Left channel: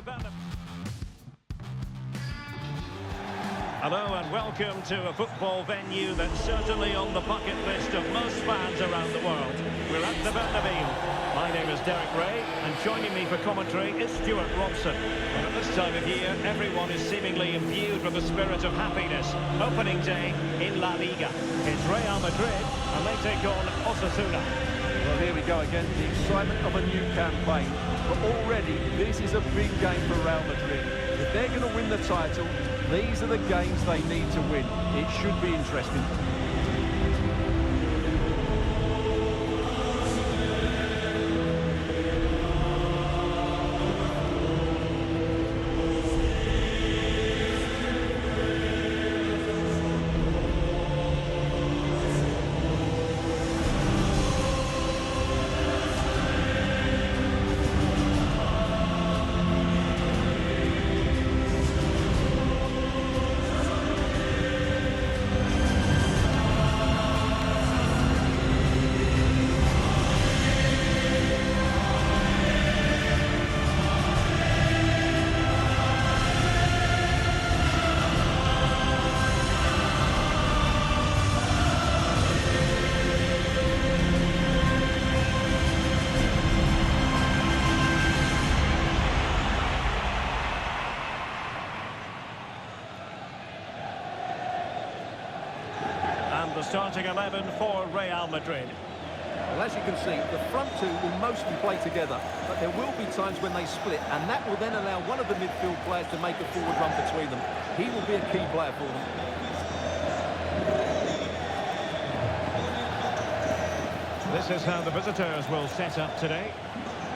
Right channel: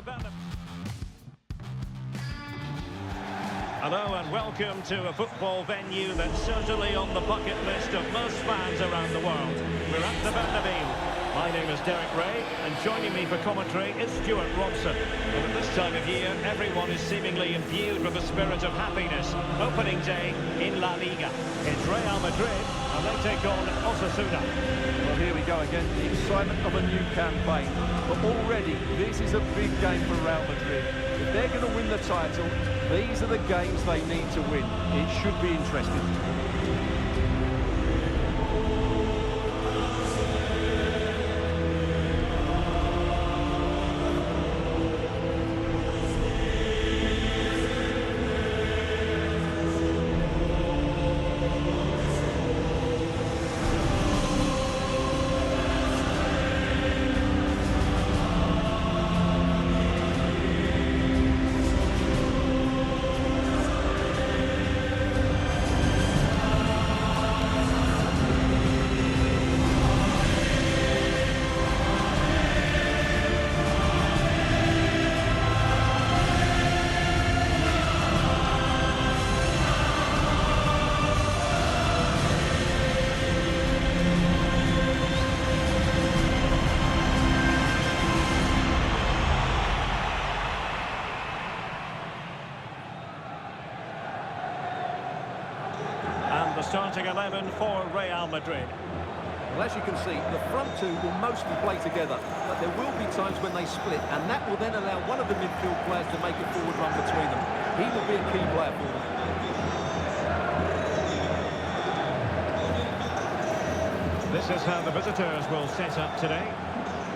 the Bellingham. Hello and welcome to a football venue that's certainly on the bucket list of most fans around the world. We're at the Bellingham. My name is Derek Ray, and joining me for commentary is Stuart Robson. And at this time of year, everyone is seemingly imbued with the spirit of happiness. Opening day in La Liga. It's Real Madrid, and they take on Osasuna. Well, here we go again, the excitement of a new campaign. But already, this is a big game for Real Madrid. If they're going to win the title, these are the games they need to win. It should be interesting. And the starting 11 for Real Madrid. Well, as you can see, the front two will mostly play together, but there will be times when they split, and that will then allow one of the midfield players to make a forward run between them. He will be a key player for them. This is how the visitors will set up today.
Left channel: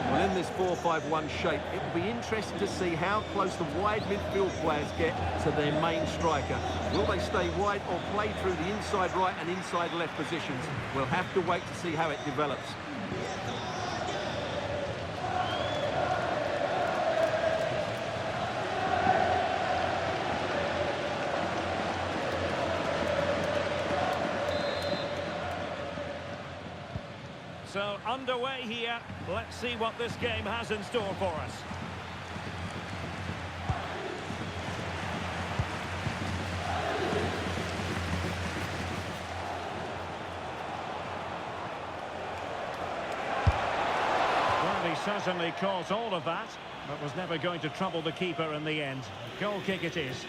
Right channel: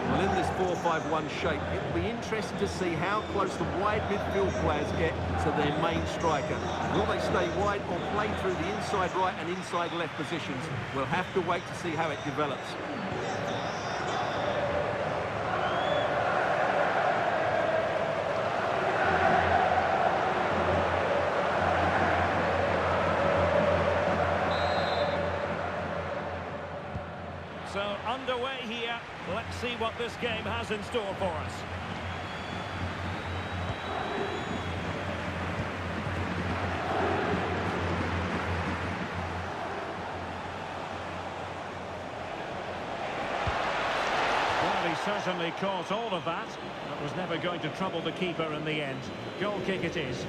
Well, in this 4-5-1 shape, it will be interesting to see how close the wide midfield players get to their main striker. Will they stay wide or play through the inside right and inside left positions? We'll have to wait to see how it develops. So underway here. Let's see what this game has in store for us. Well, he certainly caught all of that, but was never going to trouble the keeper in the end. Goal kick it is.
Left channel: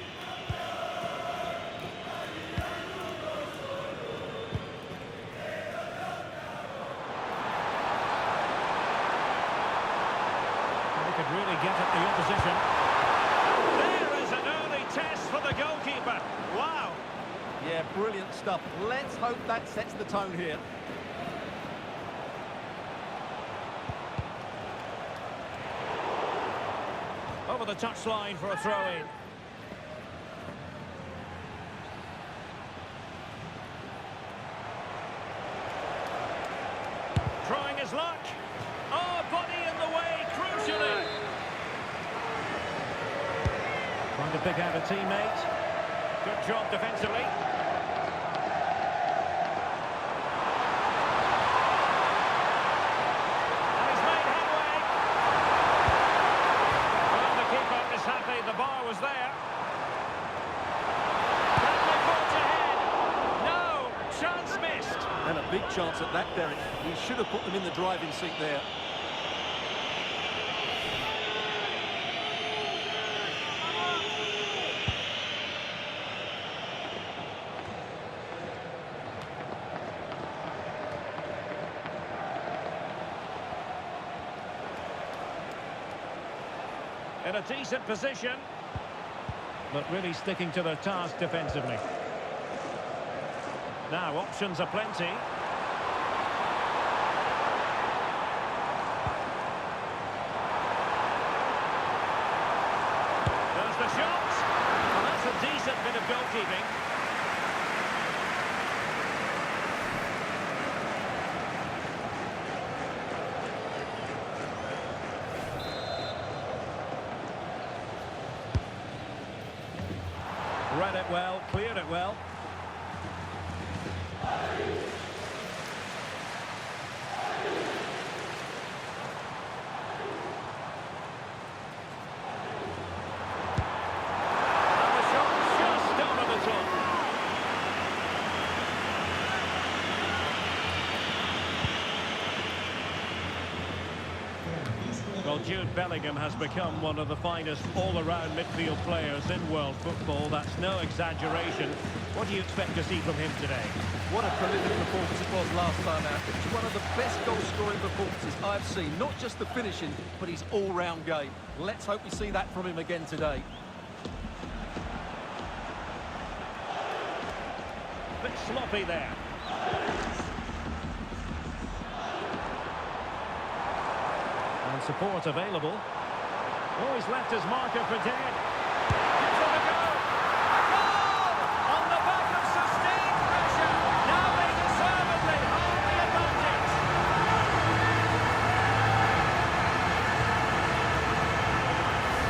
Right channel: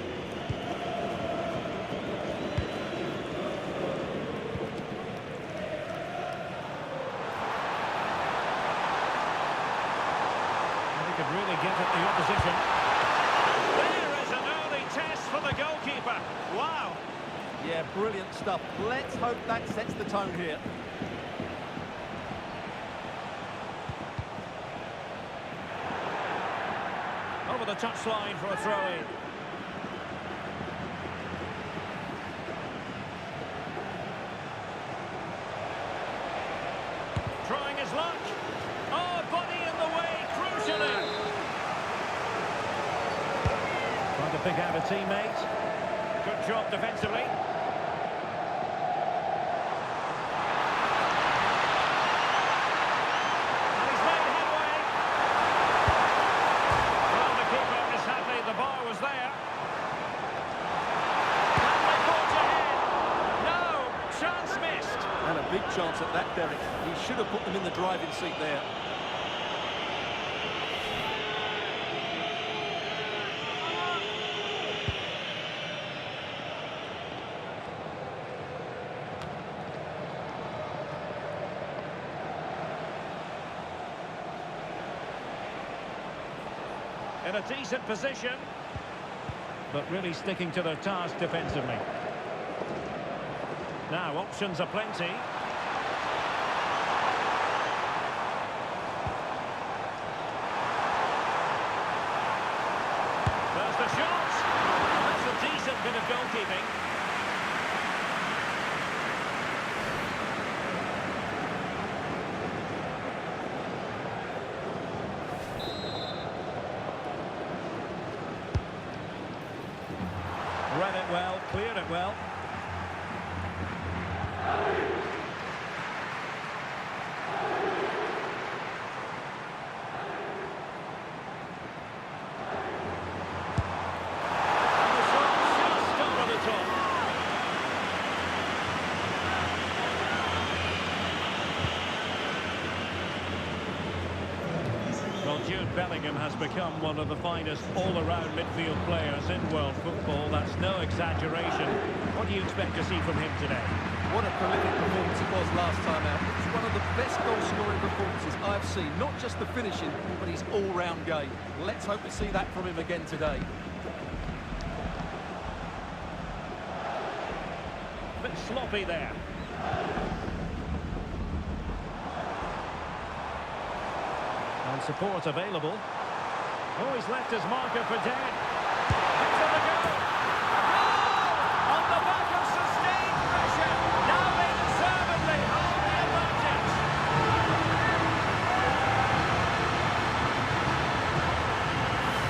Could really get at the opposition. And there is an early test for the goalkeeper. Wow. Yeah, brilliant stuff. Let's hope that sets the tone here. Over the touchline for a throw-in. Trying his luck. Oh, body in the way, crucially. Trying to pick out a teammate. Good job defensively. And he's made headway. Well, the keeper is happy the bar was there. Can they forge ahead? No, chance missed. And a big chance at that, Derek. He should have put them in the driving seat there. In a decent position, but really sticking to their task defensively. Now, options are plenty. There's the shot. And that's a decent bit of goalkeeping. Read it well, cleared it well. Well, Jude Bellingham has become one of the finest all-around midfield players in world football. That's no exaggeration. What do you expect to see from him today? What a prolific performance it was last time out. It was one of the best goal-scoring performances I've seen. Not just the finishing, but his all-round game. Let's hope we see that from him again today. Bit sloppy there. And support available. Oh, he's left his marker for dead. Gives it a go. A goal! On the back of sustained pressure. Now they deservedly hold the advantage.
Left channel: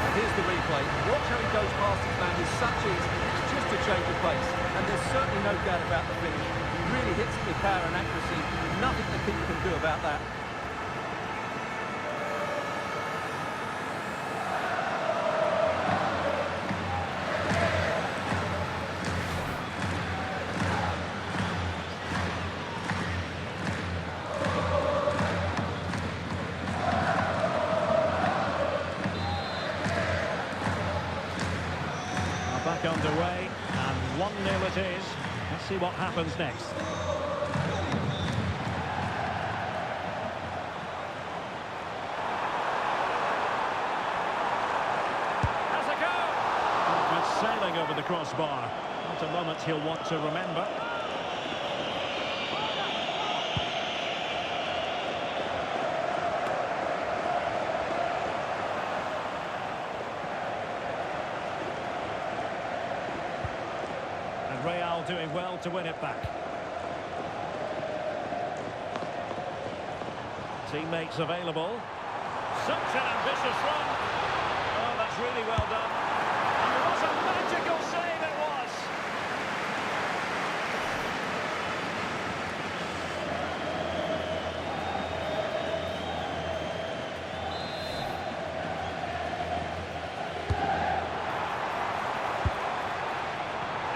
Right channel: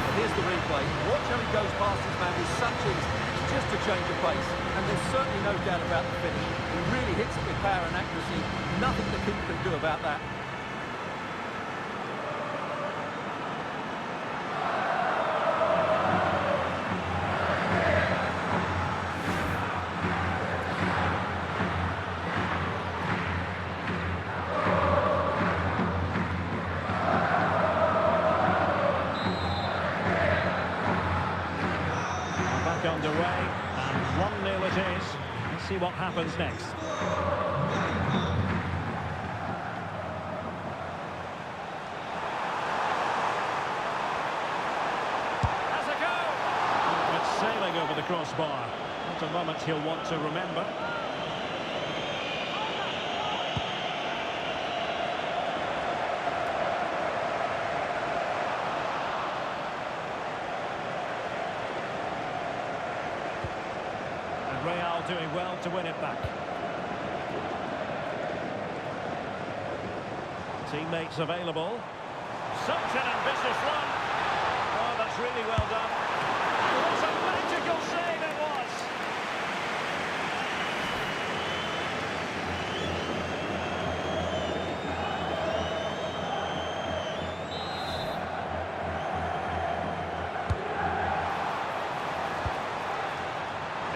And here's the replay. Watch how he goes past his man with such ease. It's just a change of pace. And there's certainly no doubt about the finish. He really hits it with power and accuracy. Nothing the keeper can do about that. Back underway, and 1-0 it is. Let's see what happens next. Has a go! It's sailing over the crossbar. Not a moment he'll want to remember. And Real doing well to win it back. Teammates available. Such an ambitious run. Oh, that's really well done. And what a magical save it was.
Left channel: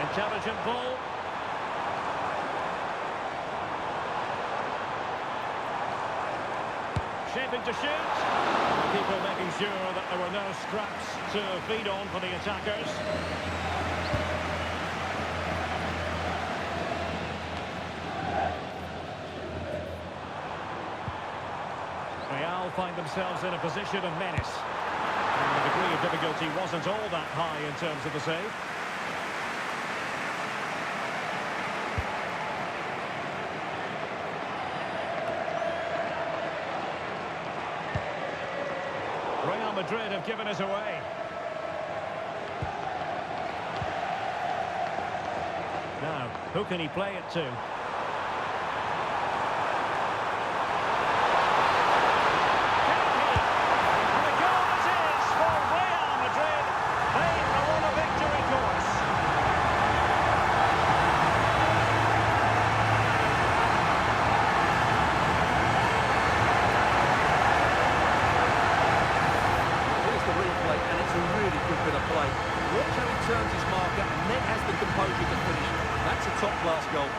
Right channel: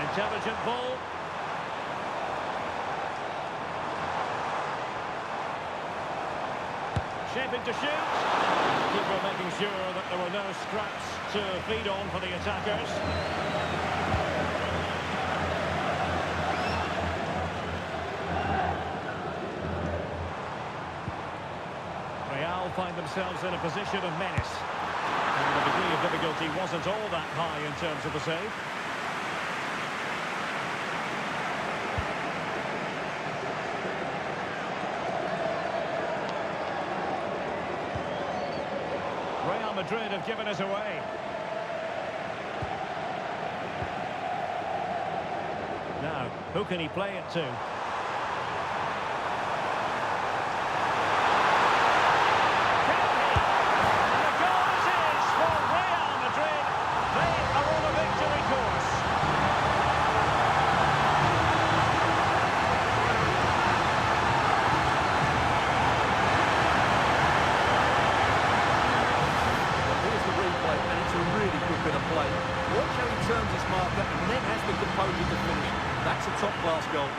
Intelligent ball. Shaping to shoot. The keeper making sure that there were no scraps to feed on for the attackers. Real find themselves in a position of menace. And the degree of difficulty wasn't all that high in terms of the save. Real Madrid have given it away. Now, who can he play it to? Can he? And the goal it is for Real Madrid. They are on a victory course. And it's a really good bit of play. Watch how he turns his marker and then has the composure to finish. That's a top-class goal.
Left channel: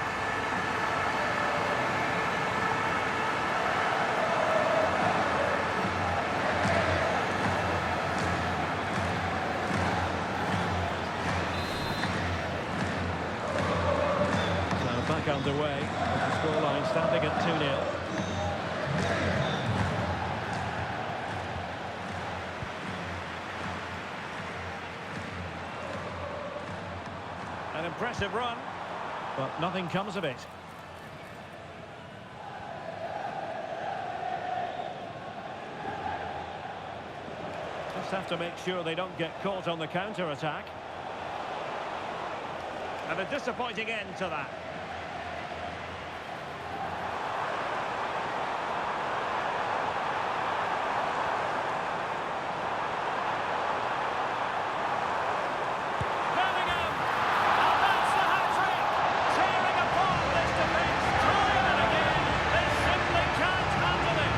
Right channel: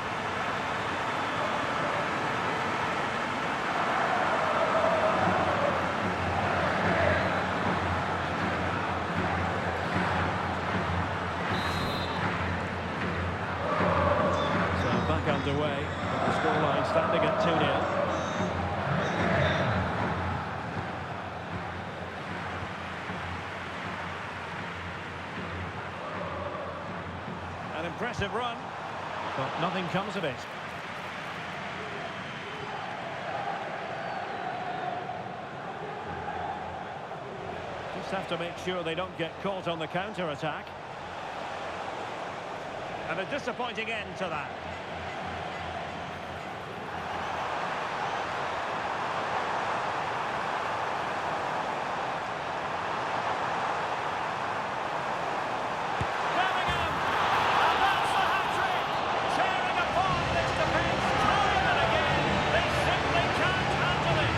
So back underway with the scoreline standing at 2-0. An impressive run, but nothing comes of it. Just have to make sure they don't get caught on the counter-attack. And a disappointing end to that. Bellingham! And that's the hat-trick! Tearing apart this defence time and again. They simply can't handle it.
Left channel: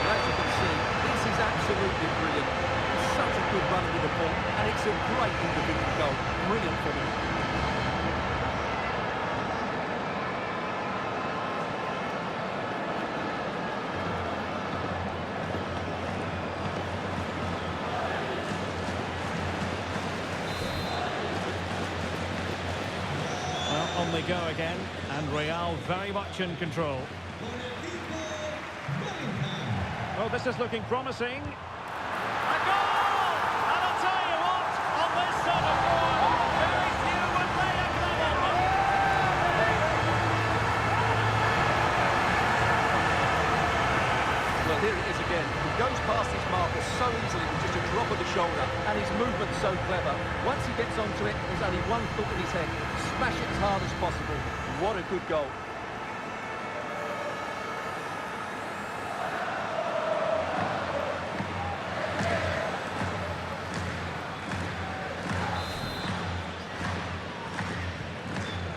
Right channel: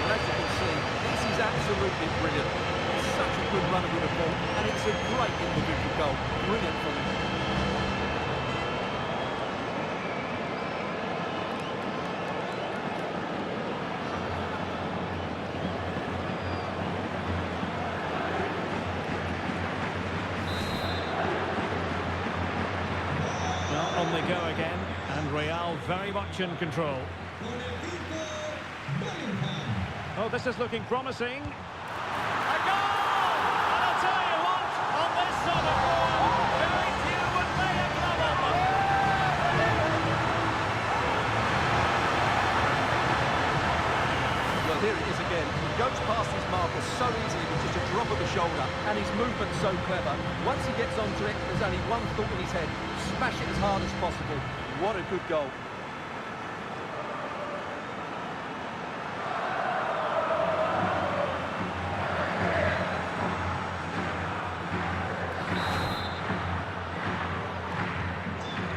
Well, as you can see, this is absolutely brilliant. He's such a good runner with the ball, and it's a great individual goal. Brilliant from him. On they go again, and Real very much in control. Oh, this is looking promising. A goal! And I'll tell you what, on this sort of form, very few would lay a glove on them. Well, here it is again. He goes past his marker so easily with just a drop of the shoulder, and his movement's so clever. Once he gets onto it, there's only one thought in his head: smash it as hard as possible. What a good goal.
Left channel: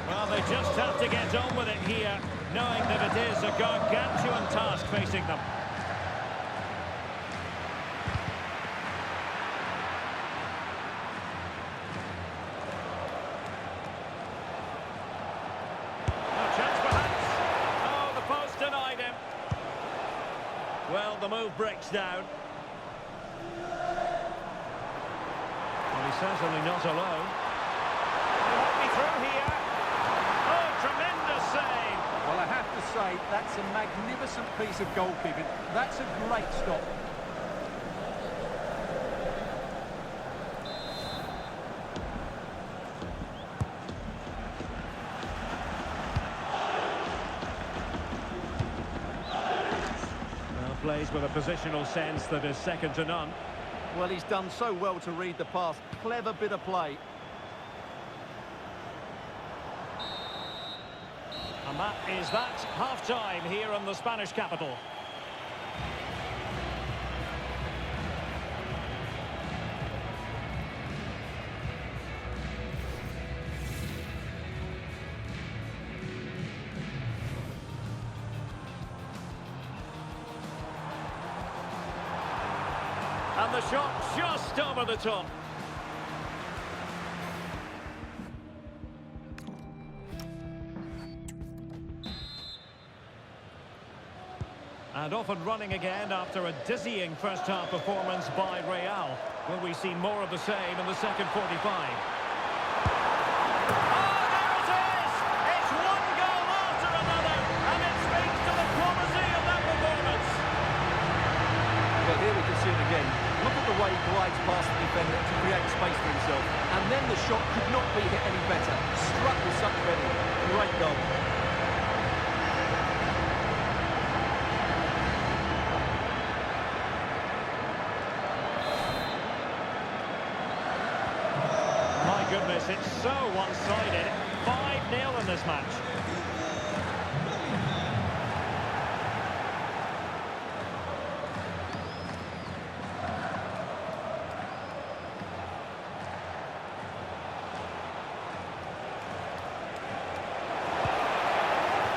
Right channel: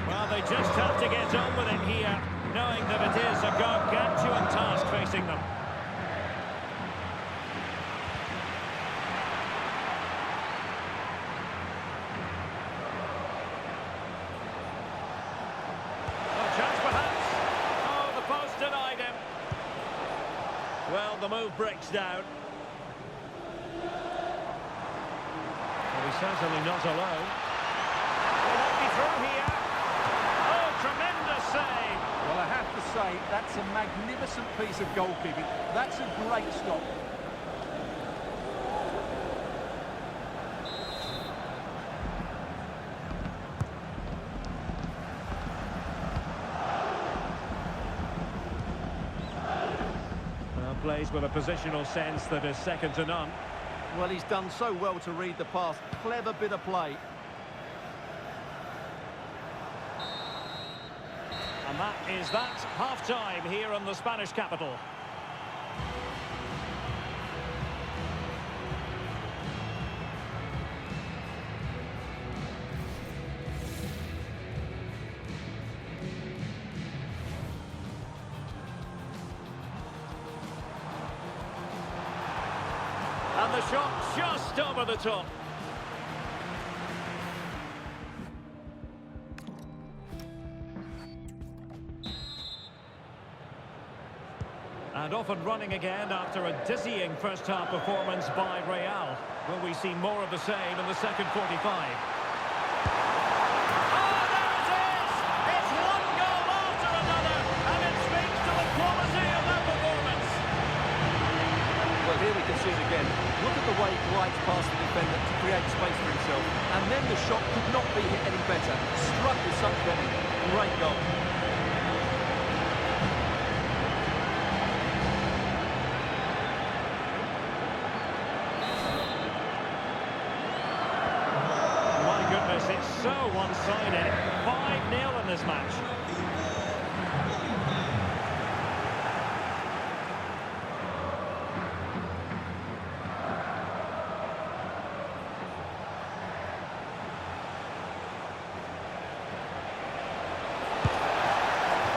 Well, they just have to get on with it here, knowing that it is a gargantuan task facing them. Chance perhaps. Oh, the post denied him. Well, the move breaks down. Well, he's certainly not alone. He might be through here. Oh, tremendous save. Well, I have to say, that's a magnificent piece of goalkeeping. That's a great stop. Plays with a positional sense that is second to none. Well, he's done so well to read the pass. Clever bit of play. And that is that. Half-time here in the Spanish capital. And the shot just over the top. And off and running again after a dizzying first-half performance by Real. Will we see more of the same in the second 45? Oh, there it is! It's one goal after another, and it speaks to the quality of that performance. Well, here we can see it again. Look at the way he glides past the defender to create space for himself. And then the shot could not be hit any better. Struck with such venom. Great goal. My goodness, it's so one-sided. 5-0 in this match.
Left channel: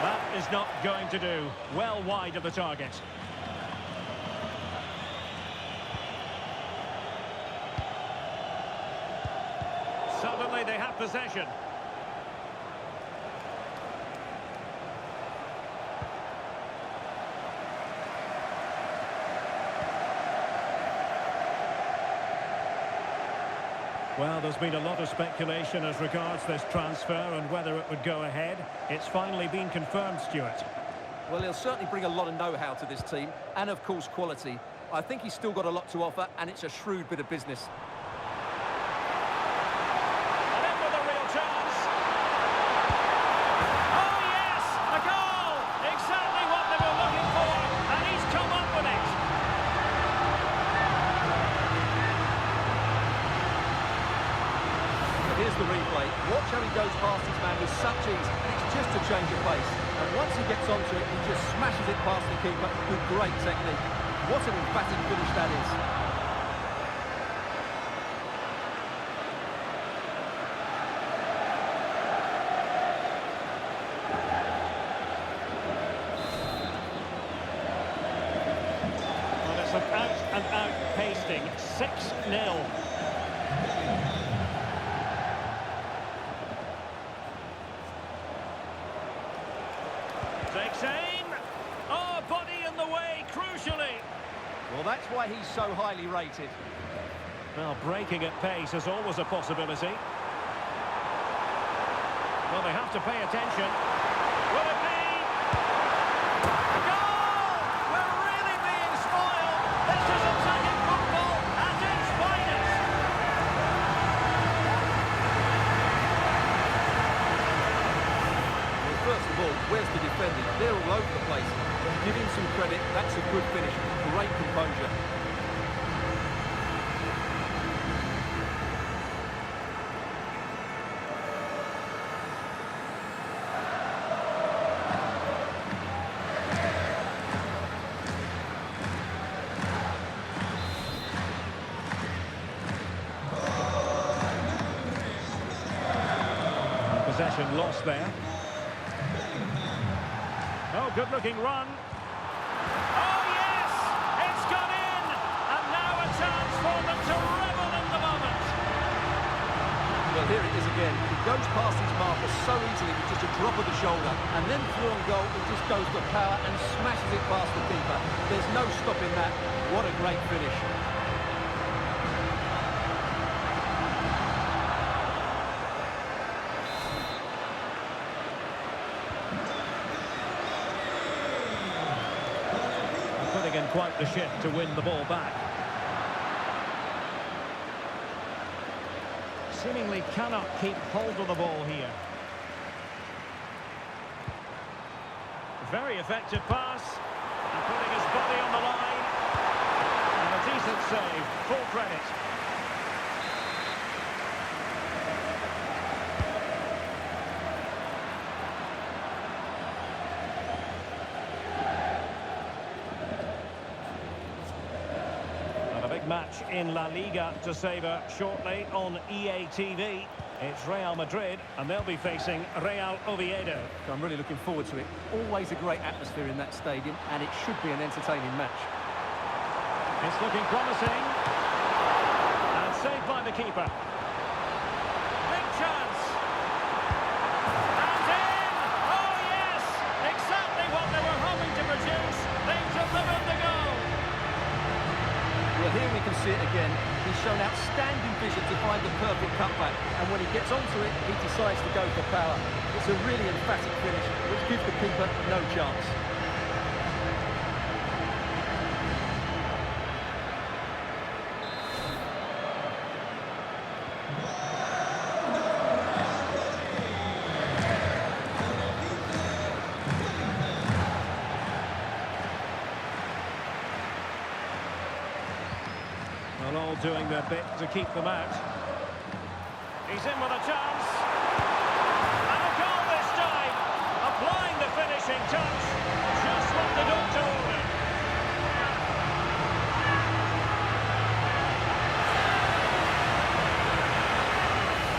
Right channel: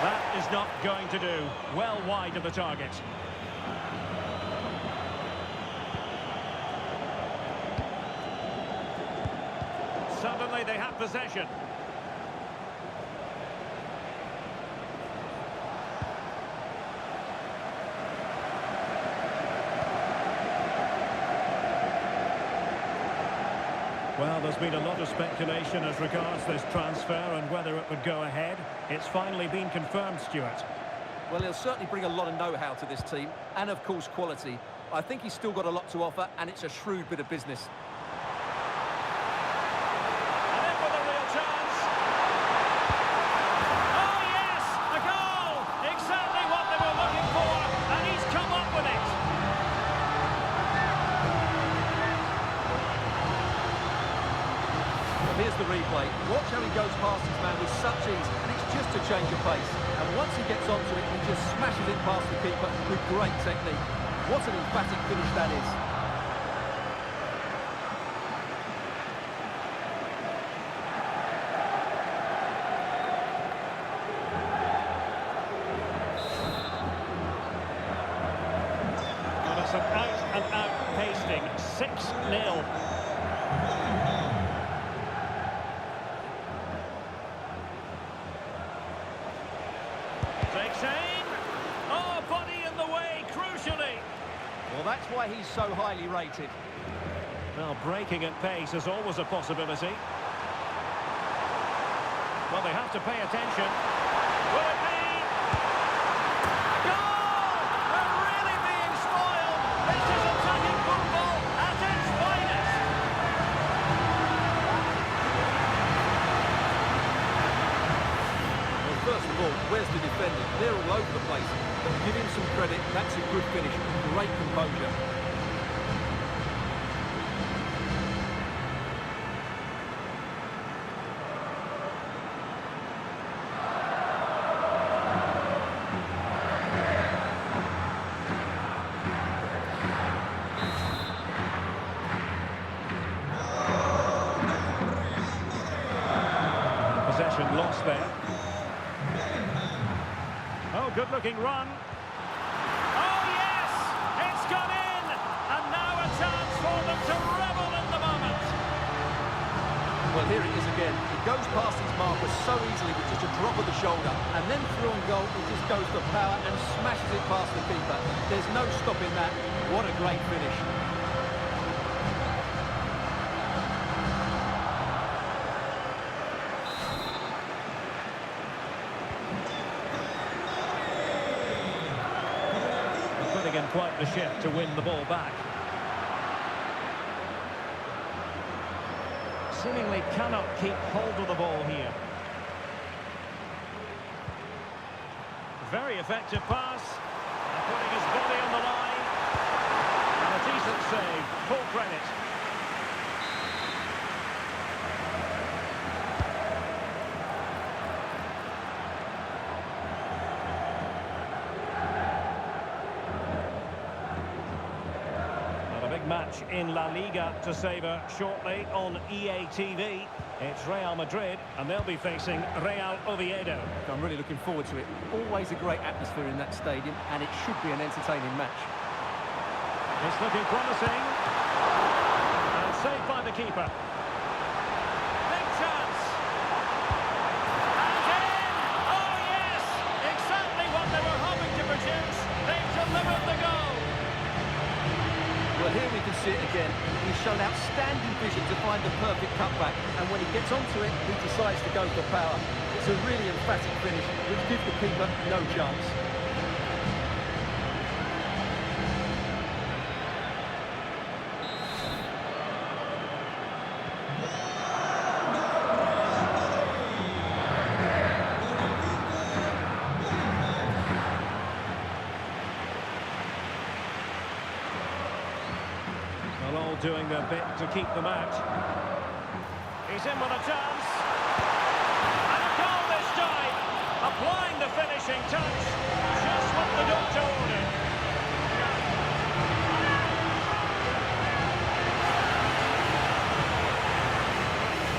That is not going to do. Well wide of the target. Suddenly they have possession. Well, there's been a lot of speculation as regards this transfer and whether it would go ahead. It's finally been confirmed, Stuart. Well, he'll certainly bring a lot of know-how to this team, and of course quality. I think he's still got a lot to offer, and it's a shrewd bit of business. And in with a real chance. Oh, yes! A goal! Exactly what they were looking for, and he's come up with it. Here's the replay. Watch how he goes past his man with such ease, and it's just a change of pace. And once he gets onto it, he just smashes it past the keeper with great technique. What an emphatic finish that is. Well, it's an out-and-out pasting. 6-0. Takes aim. Oh, body in the way, crucially. Well, that's why he's so highly rated. Well, breaking at pace is always a possibility. Well, they have to pay attention. Will it be a goal? We're really being spoiled. This is attacking football at its finest. Well, first of all, where's the defenders? They're all over the place. But give him some credit. That's a good finish. Great composure. Possession lost there. Oh, good-looking run. Oh, yes! It's gone in! And now a chance for them to revel in the moment. Well, here it is again. He goes past his marker so easily with just a drop of the shoulder. And then through on goal, he just goes for power and smashes it past the keeper. There's no stopping that. What a great finish. Putting in quite the shift to win the ball back. Seemingly cannot keep hold of the ball here. Very effective pass. And putting his body on the line. And a decent save. Full credit. A big match in La Liga to savour shortly on EA TV. It's Real Madrid, and they'll be facing Real Oviedo. I'm really looking forward to it. Always a great atmosphere in that stadium, and it should be an entertaining match. It's looking promising. And saved by the keeper. Big chance. And in! Oh, yes! Exactly what they were hoping to produce. They've delivered the goal. Well, here we can see it again. He's shown outstanding vision to find the perfect cutback, and when he gets onto it, he decides to go for power. It's a really emphatic finish, which gives the keeper no chance. Well, all doing their bit to keep them out. He's in with a chance. And a goal this time. Applying the finishing touch. Just what the doctor ordered.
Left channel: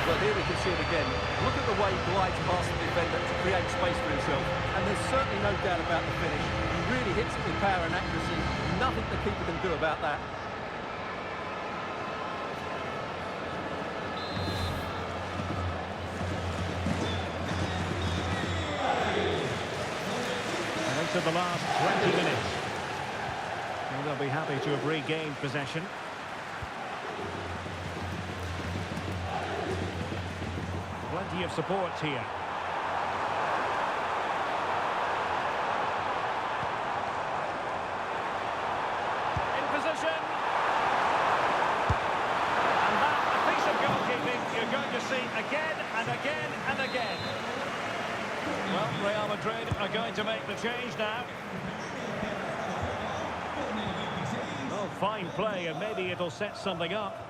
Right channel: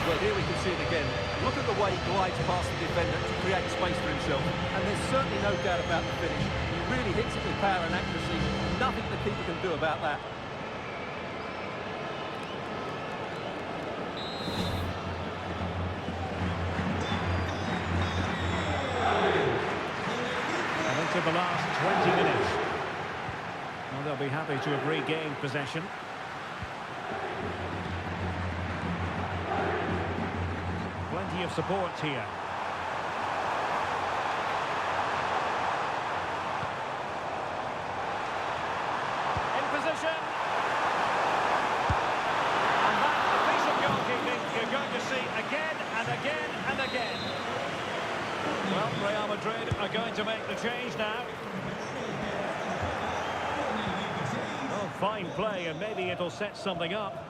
Well, here we can see it again. Look at the way he glides past the defender to create space for himself. And there's certainly no doubt about the finish. He really hits it with power and accuracy. Nothing the keeper can do about that. And into the last 20 minutes. Well, they'll be happy to have regained possession. Plenty of support here. In position. And that, a piece of goalkeeping you're going to see again and again and again. Well, Real Madrid are going to make the change now. Oh, fine play, and maybe it'll set something up.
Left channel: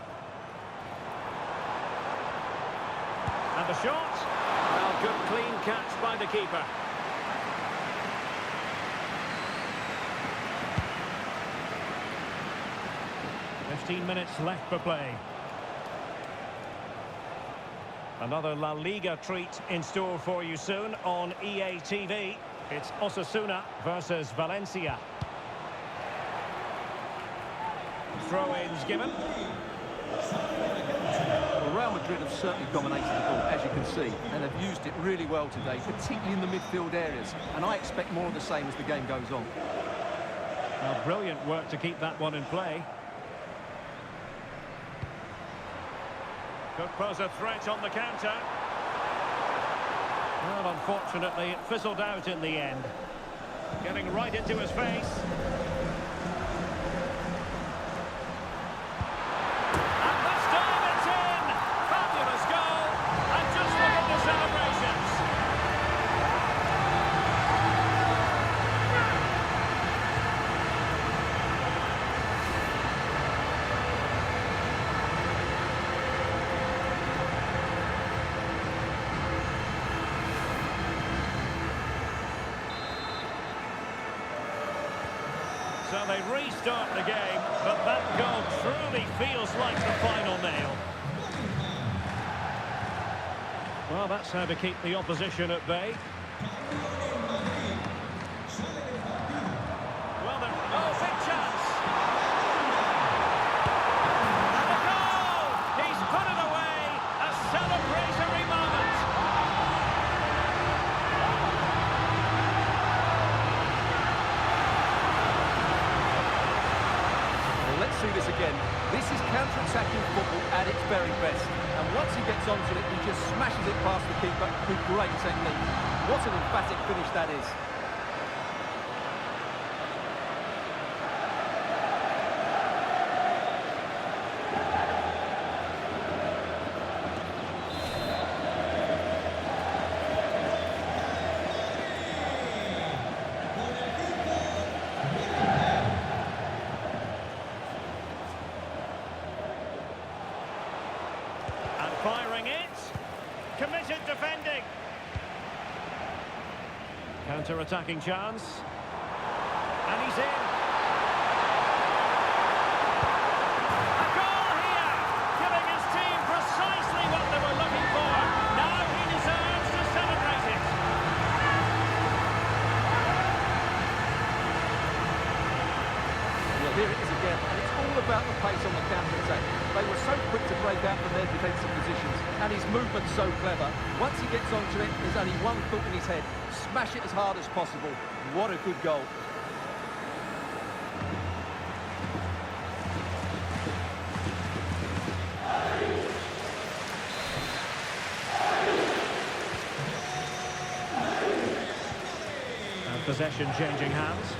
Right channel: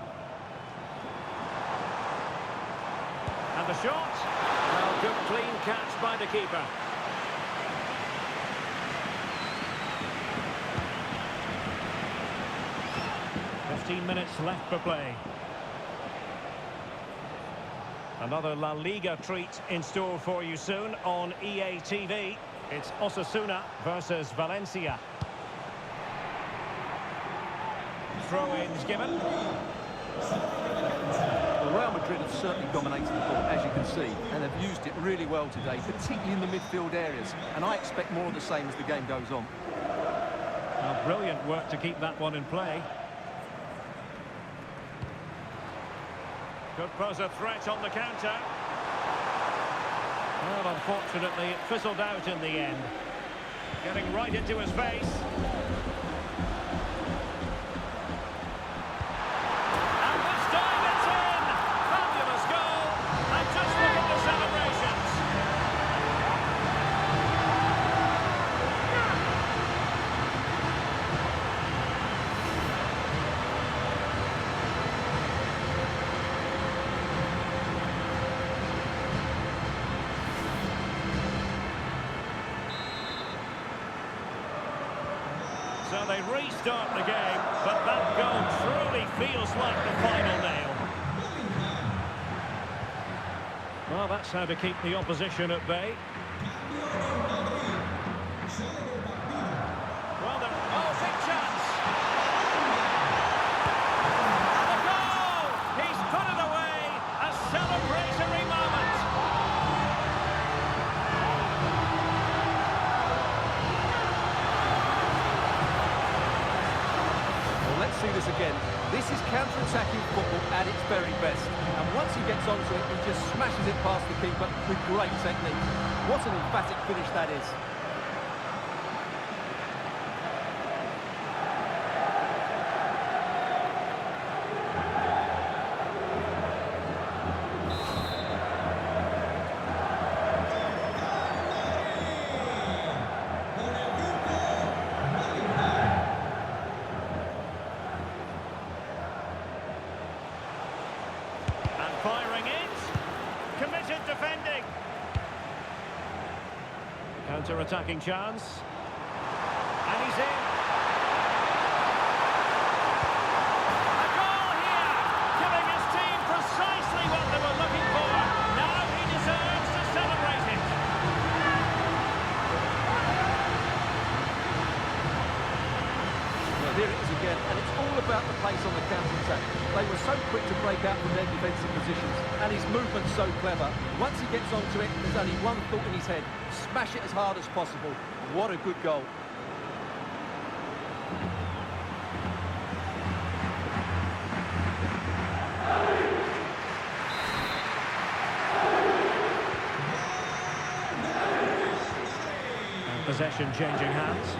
And the shot. Well, good clean catch by the keeper. "15 minutes left for play. Another La Liga treat in store for you soon on EA TV. It's Osasuna versus Valencia. Throw-ins given. Well, Real Madrid have certainly dominated the ball, as you can see, and have used it really well today, particularly in the midfield areas. And I expect more of the same as the game goes on. Well, brilliant work to keep that one in play. Could pose a threat on the counter. And the shot. Well, good clean catch by the keeper. 15 minutes left for play. Another La Liga treat in store for you soon on EA TV. It's Osasuna versus Valencia. Throw-ins given. Well, Real Madrid have certainly dominated the ball, as you can see, and have used it really well today, particularly in the midfield areas. And I expect more of the same as the game goes on. Well, unfortunately, it fizzled out in the end. Getting right into his face. And this time it's in! Fabulous goal! And just look at the celebrations. So they restart the game, but that goal truly feels like the final nail. Well, that's how to keep the opposition at bay. Well, oh, big chance! And a goal! He's put it away! A celebratory moment! Let's see this again. This is counter-attacking football at its very best. And once he gets onto it, he just smashes it past the keeper with great technique. What an emphatic finish that is. And firing it. Committed defending. Counter-attacking chance. And he's in. A goal here, giving his team precisely what they were looking for. Now he deserves to celebrate it. Well, here it is again, and it's all about the pace on the counter-attack. They were so quick to break out from their defensive positions, and his movement's so clever. Once he gets onto it, there's only one thought in his head: smash it as hard as possible. What a good goal. And possession changing hands.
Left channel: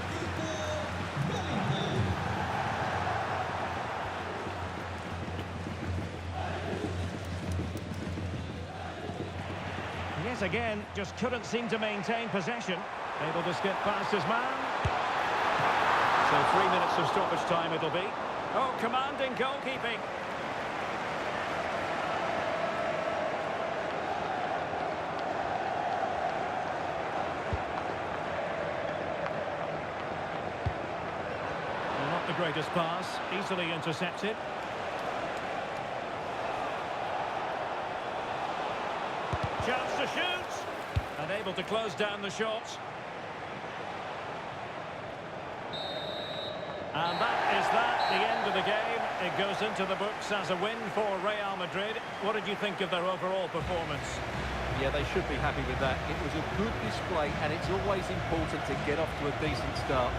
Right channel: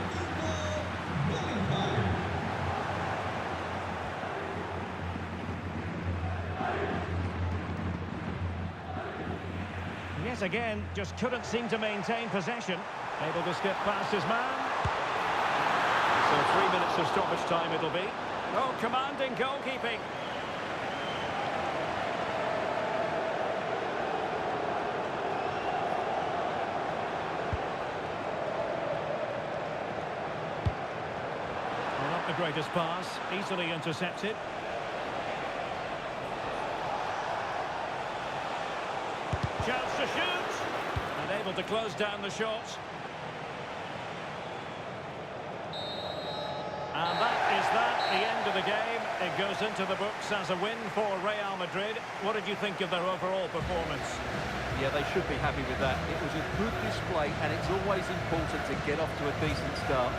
Yet again, just couldn't seem to maintain possession. Able to skip past his man. So 3 minutes of stoppage time it'll be. Oh, commanding goalkeeping. Well, not the greatest pass. Easily intercepted. Chance to shoot, and able to close down the shot. And that, the end of the game. It goes into the books as a win for Real Madrid. What did you think of their overall performance? Yeah, they should be happy with that. It was a good display, and it's always important to get off to a decent start.